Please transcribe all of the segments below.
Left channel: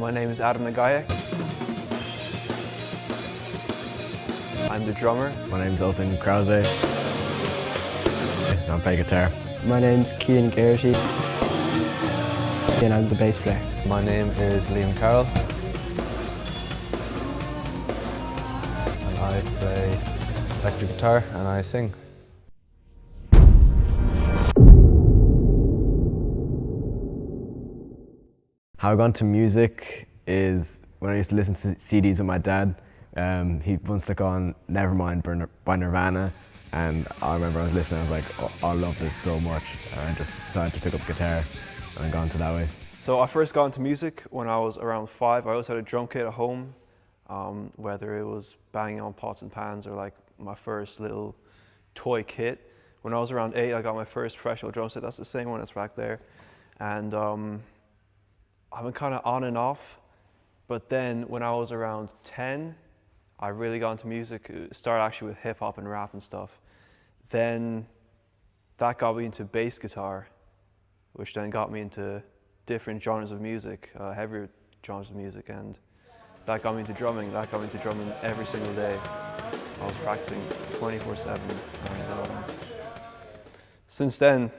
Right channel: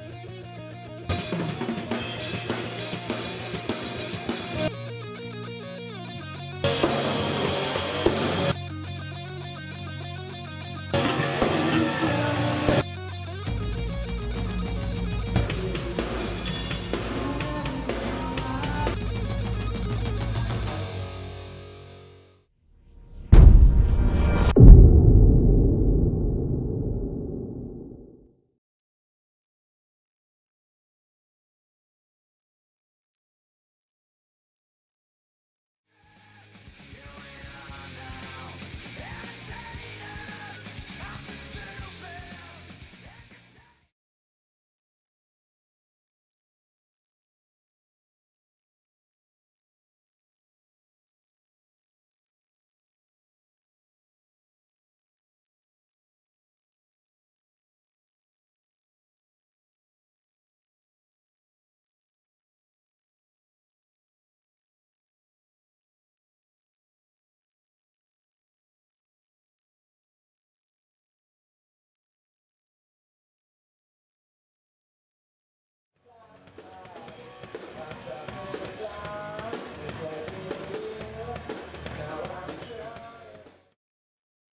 My name is Adam Nagaya. I'm the drummer. My name's Owen Krause. I play guitar. My name's Ciaran Mahony and I'm the bass player. My name is Liam Carroll. I play electric guitar and I sing. How I got into music is when I used to listen to CDs with my dad. He once stuck on Nevermind by Nirvana, and I remember I was listening, I was like, oh, I love this so much, and I just decided to pick up guitar and gone to that way. So I first got into music when I was around 5. I always had a drum kit at home, whether it was banging on pots and pans or like my first little toy kit. When I was around 8, I got my first professional drum set. That's the same one that's back there. And I've been kind of on and off, but then when I was around 10, I really got into music. It started actually with hip hop and rap and stuff. Then that got me into bass guitar, which then got me into different genres of music, heavier genres of music, and that got me into drumming. That got me into drumming every single day. I was practicing 24/7. Since then,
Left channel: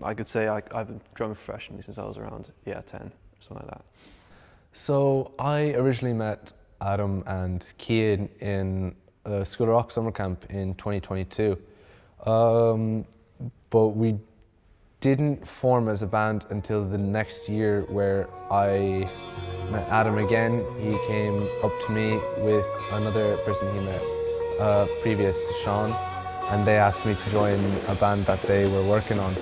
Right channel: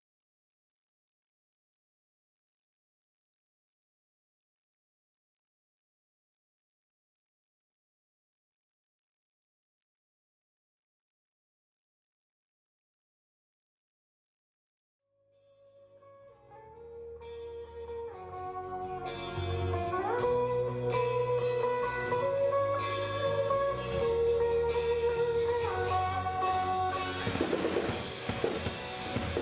I could say I've been drumming professionally since I was around 10, something like that. So I originally met Adam and Ciaran in a School of Rock summer camp in 2022, but we didn't form as a band until the next year, where I met Adam again. He came up to me with another person he met, previous Sean, and they asked me to join a band that they were working on.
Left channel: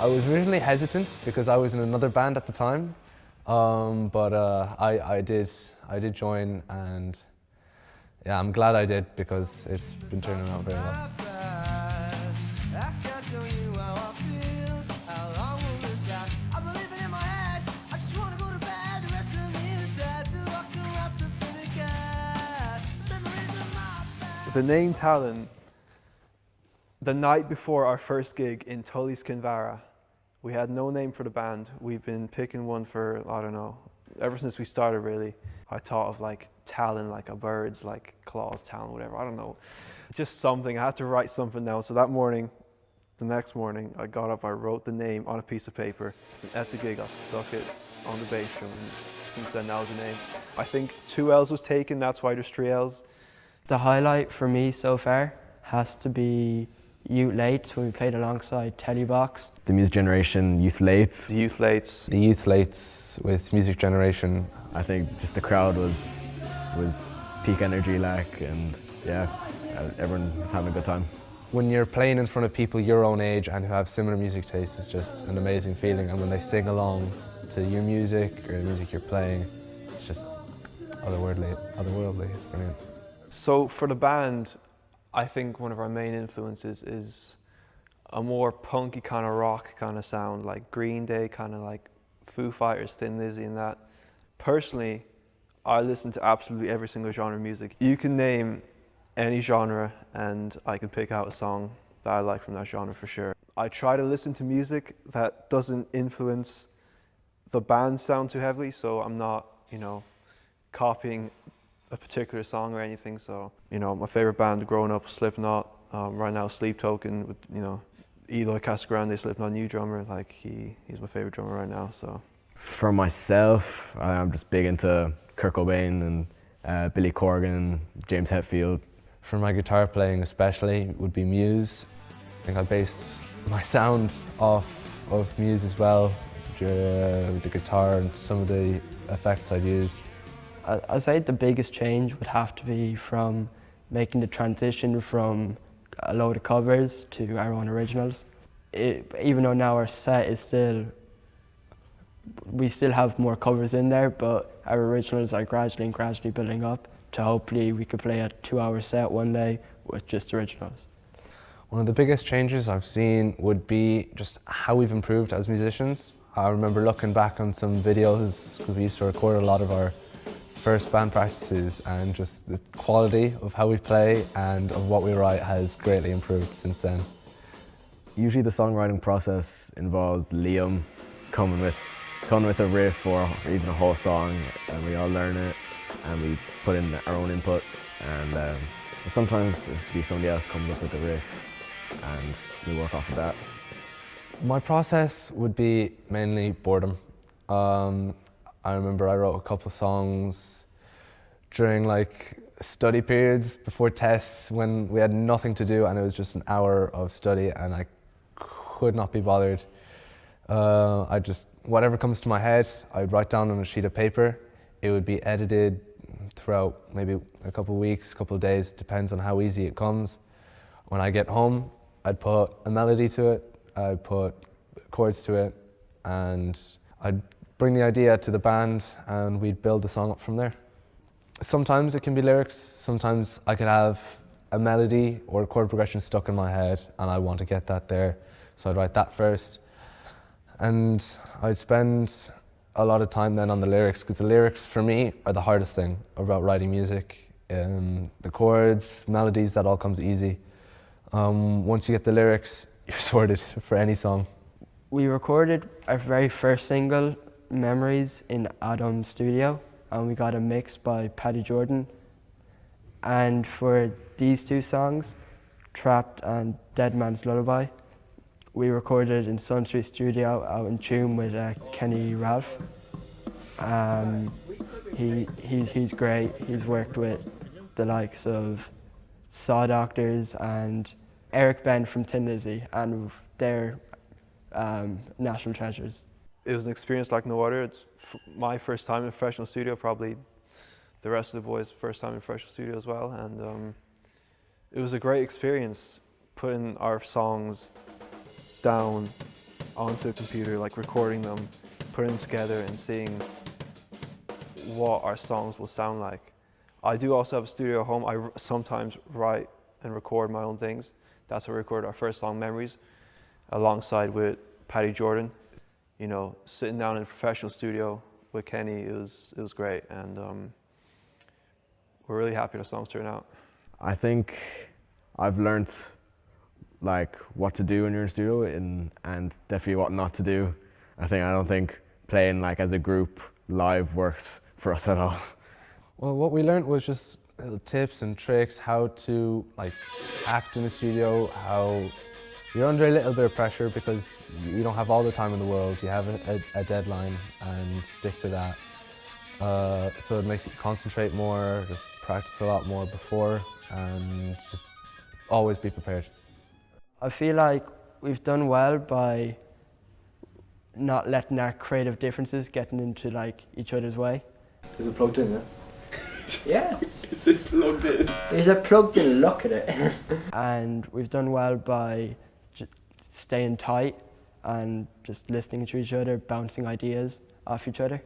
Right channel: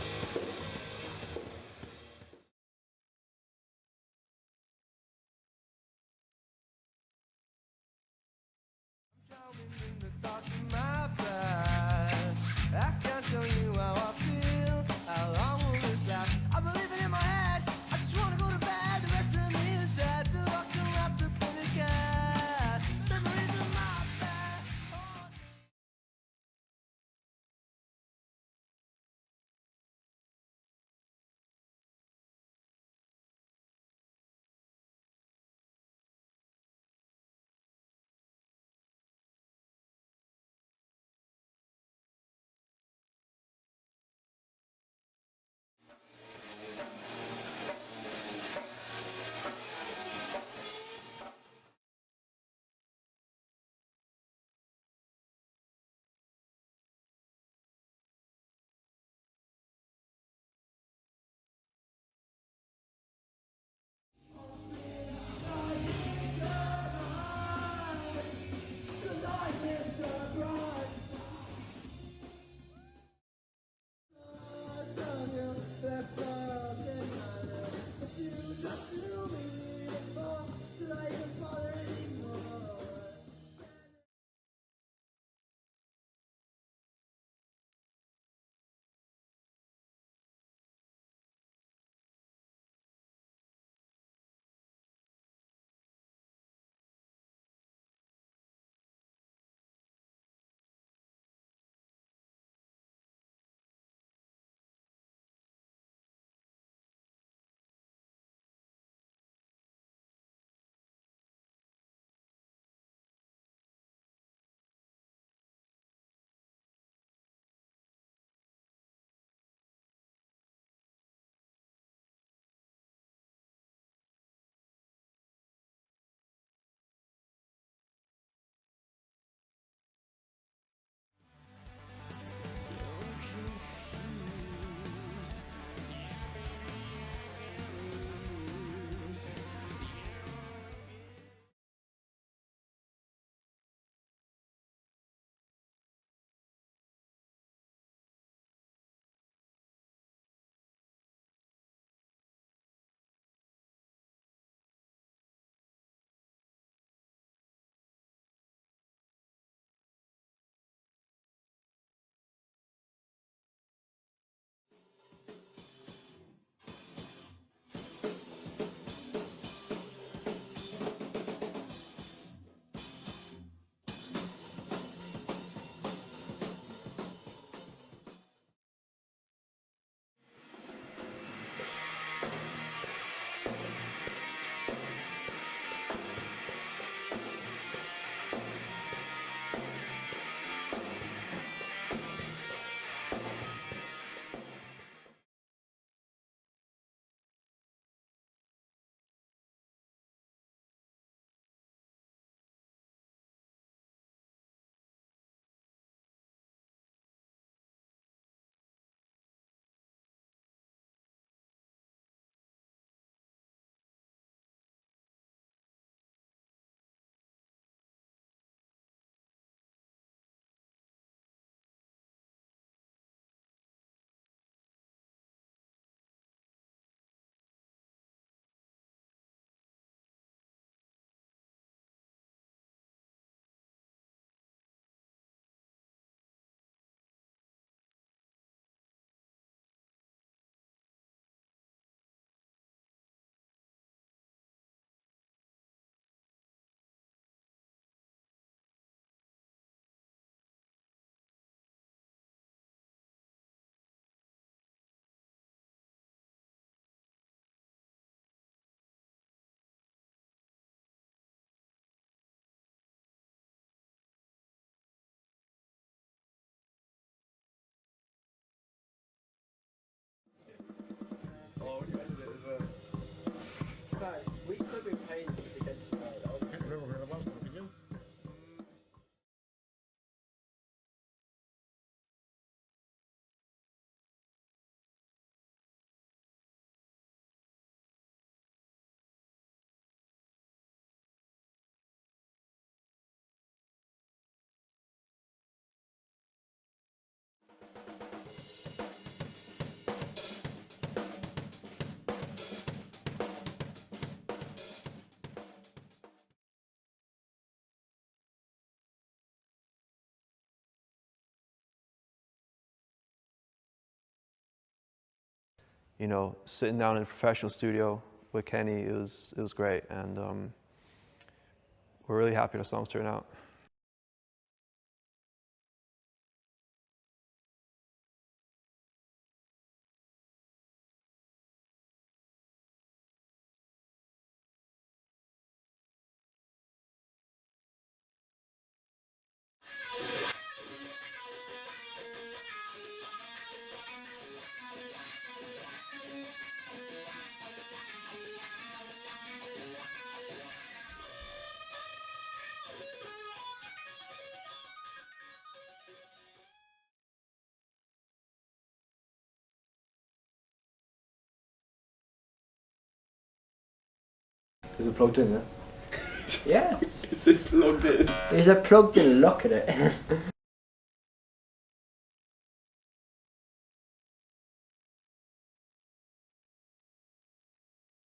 I was originally hesitant because I was in another band at the time, but I did join, and yeah, I'm glad I did because it's been turning out very well. I can't tell you how I feel, how long will this last? I believe it in my head, I just want to go to bed, the rest of me is dead, feel like I'm wrapped up in a cat, memories of my bed. The name Talllon, the night before our first gig in Tully's-Kinvara, we had no name for the band. We've been picking one for, I don't know, ever since we started really. I thought of like talon, like a bird's like claws, talon, whatever, I don't know. Just something, I had to write something down. So that morning, the next morning, I got up, I wrote the name on a piece of paper. At the gig, I stuck it on the bass, and since then that was the name. I think 2 L's was taken, that's why there's 3 L's. The highlight for me so far has to be Youth Lates when we played alongside Tellybox. The Music Generation Youth Lates. The Youth Lates. The Youth Lates with Music Generation. I think just the crowd was peak energy, like, and yeah, everyone was having a good time. When you're playing in front of people your own age and who have similar music tastes, it's just an amazing feeling. And when they sing along to your music or the music you're playing, it's just otherworldly. It's brilliant. So for the band, I think one of our main influences is a more punky kind of rock kind of sound, like Green Day, kind of like Foo Fighters, Thin Lizzy and that. Personally, I listen to absolutely every single genre of music. You can name any genre and I can pick out a song that I like from that genre for sure. I try to listen to music that doesn't influence the band's sound too heavily, so I'm not, copying a particular song or anything. So, my favorite band growing up was Slipknot. Right now, Sleep Token with, Eloy Casagrande, Slipknot new drummer. Like he's my favorite drummer right now. So, for myself, I'm just big into Kurt Cobain and Billy Corgan, James Hetfield. For my guitar playing especially would be Muse. I think I based my sound off of Muse as well, the guitar and some of the effects I'd use. I'd say the biggest change would have to be from making the transition from a load of covers to our own originals. Even though now our set is we still have more covers in there, but our originals are gradually building up to hopefully we could play a 2-hour set one day with just originals. One of the biggest changes I've seen would be just how we've improved as musicians. I remember looking back on some videos, we used to record a lot of our first band practices, and just the quality of how we play and of what we write has greatly improved since then. Usually the songwriting process involves Liam coming with come with a riff or even a whole song, and we all learn it, and we put in our own input. And sometimes somebody else comes up with a riff, and we work off of that. My process would be mainly boredom. I remember I wrote a couple songs during like study periods before tests when we had nothing to do and it was just an hour of study and I could not be bothered. Whatever comes to my head, I'd write down on a sheet of paper. It would be edited throughout maybe a couple of weeks, a couple of days, depends on how easy it comes. When I get home, I'd put a melody to it, I'd put chords to it, and I'd bring the idea to the band and we'd build the song up from there. Sometimes it can be lyrics, sometimes I could have a melody or a chord progression stuck in my head and I want to get that there, so I'd write that first. And I'd spend a lot of time then on the lyrics, because the lyrics for me are the hardest thing about writing music. The chords, melodies, that all comes easy. Once you get the lyrics, you're sorted for any song. We recorded our very first single, Memories, in Adam's studio, and we got a mix by Paddy Jordan. And for these two songs, Trapped and Dead Man's Lullaby, we recorded in Sun Street Studio out in tune with Kenny Rav. He's great. He's worked with the likes of Saw Doctors and Eric Ben from Tin Lizzy, and they're national treasures. It was an experience like no other. It's my first time in a professional studio, probably the rest of the boys' first time in a professional studio as well, and it was a great experience putting our songs down onto a computer, like recording them, putting them together and seeing what our songs will sound like. I do also have a studio at home. I sometimes write and record my own things. That's how we recorded our first song, Memories, alongside with Paddy Jordan. You know, sitting down in a professional studio with Kenny, it was great, and we're really happy the songs turned out. I think I've learnt like what to do when you're in a studio and definitely what not to do. I don't think playing like as a group live works for us at all. Well, what we learned was just little tips and tricks, how to like act in a studio, how you're under a little bit of pressure because you don't have all the time in the world. You have a deadline and stick to that. So it makes you concentrate more, just practice a lot more before, and just always be prepared. I feel like we've done well by not letting our creative differences getting into like each other's way. Is it plugged in, yeah? Yeah. Is it plugged in? Is it plugged in? Look at it. And we've done well by staying tight and just listening to each other, bouncing ideas off each other.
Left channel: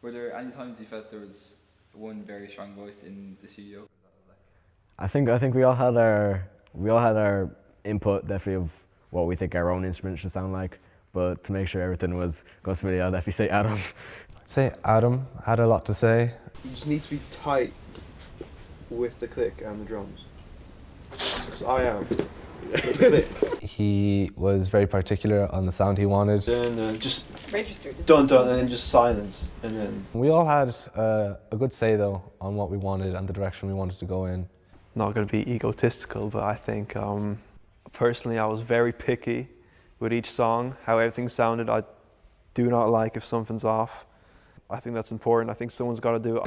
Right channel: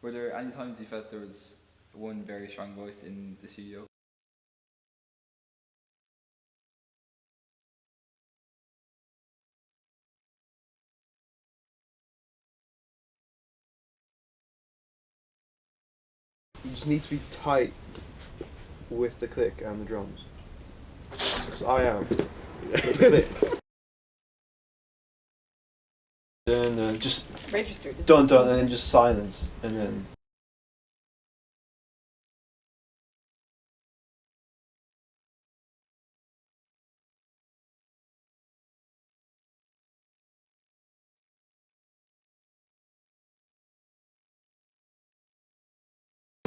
Were there any times you felt there was one very strong voice in the studio? I think we all had our input definitely of what we think our own instrument should sound like, but to make sure everything was going smoothly, I'd definitely say Adam. I'd say Adam had a lot to say. You just need to be tight with the click and the drums. Because I am. With the click. He was very particular on the sound he wanted. Then just dun dun and then just silence, and then. We all had a good say though on what we wanted and the direction we wanted to go in. Not going to be egotistical, but I think personally I was very picky with each song, how everything sounded. I do not like if something's off. I think that's important. I think someone's got to do it.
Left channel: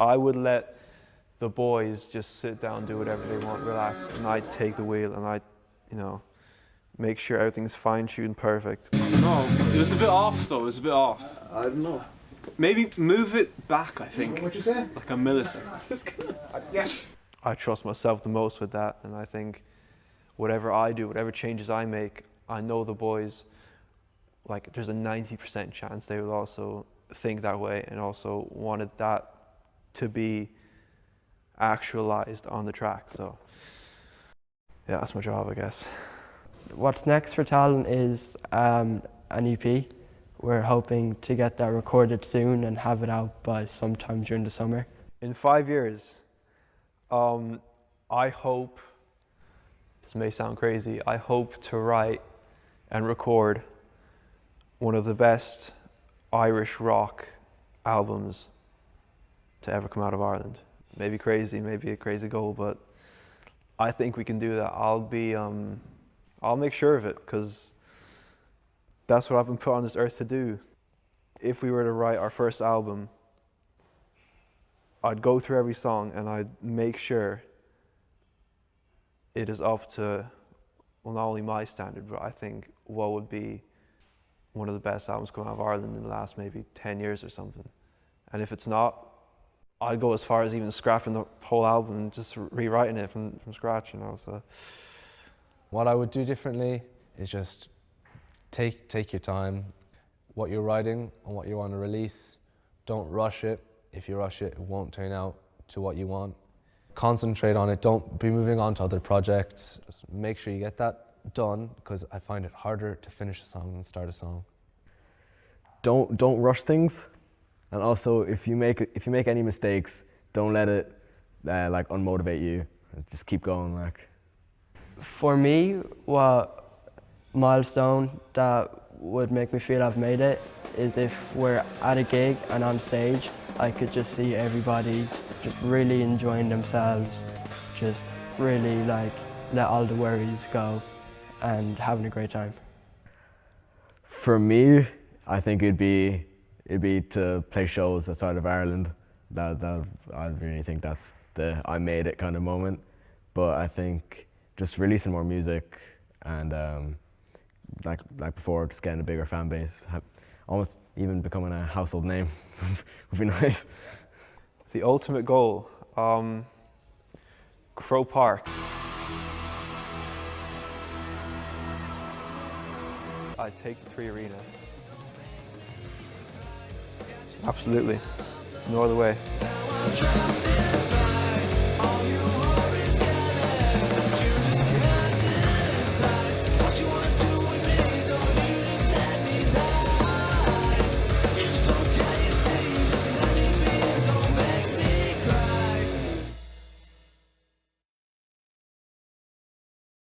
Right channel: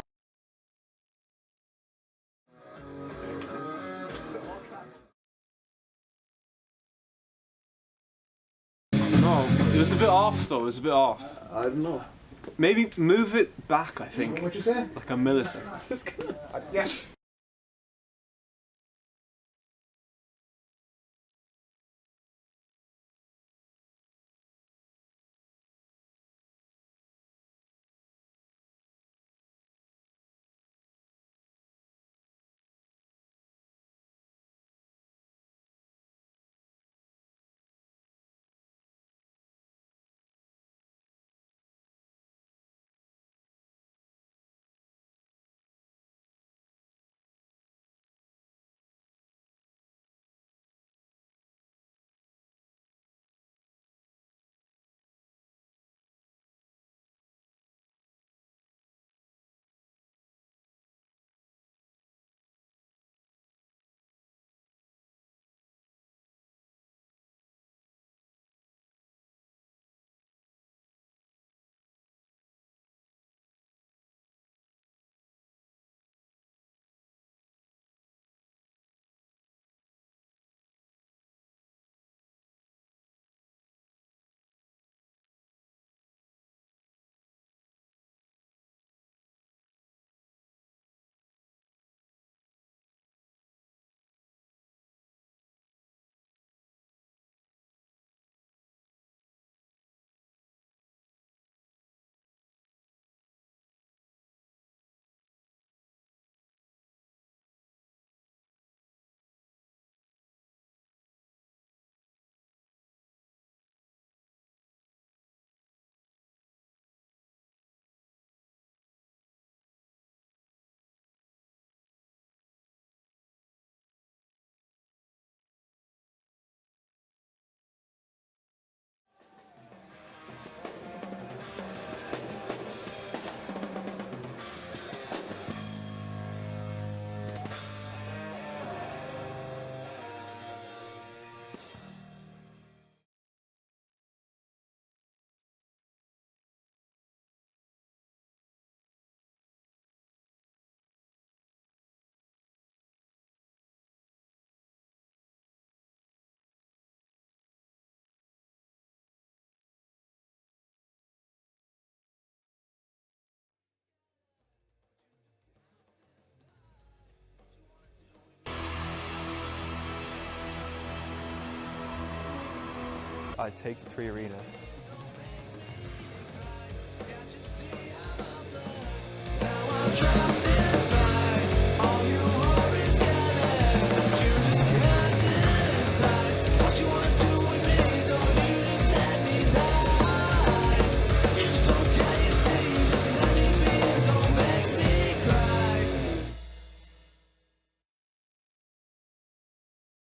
I would let the boys just sit down, do whatever they want, relax, and I'd take the wheel and I'd, make sure everything's fine-tuned perfect. No, it was a bit off though, it was a bit off. I don't know. Maybe move it back, I think. What'd you say? Like a millisecond. Yes. I trust myself the most with that, and I think whatever I do, whatever changes I make, I know the boys, like there's a 90% chance they will also think that way and also wanted that to be actualized on the track. So yeah, that's my job, I guess. What's next for Talllon is an EP. We're hoping to get that recorded soon and have it out by sometime during the summer. In 5 years, I hope, this may sound crazy, I hope to write and record one of the best Irish rock albums to ever come out of Ireland. Maybe crazy, maybe a crazy goal, but I think we can do that. I'll make sure of it, because that's what I've been put on this earth to do. If we were to write our first album, I'd go through every song and I'd make sure it is up to, well, not only my standard, but I think what would be one of the best albums coming out of Ireland in the last maybe 10 years or something. And if it's not, I'd go as far as even scrapping the whole album and just rewriting it from scratch, you know. So What I would do differently is just take your time. What you're writing and what you want to release, don't rush it. If you rush it, it won't turn out to what you want. Concentrate on it. Don't be moving on to other projects. Just make sure you get that done, because I find it harder to finish a song than start a song. Don't rush things, and also if you make any mistakes, don't let it like unmotivate you. Just keep going. Like, For me, what milestone that would make me feel I've made it is if we're at a gig and on stage, I could just see everybody just really enjoying themselves, just really like let all the worries go and having a great time. for me, I think it'd be to play shows outside of Ireland. I really think that's the I made it kind of moment. But I think just releasing more music and like before, just getting a bigger fan base, almost even becoming a household name would be nice. the ultimate goal, Crow Park. I'd take the 3 Arena. Absolutely. No other way.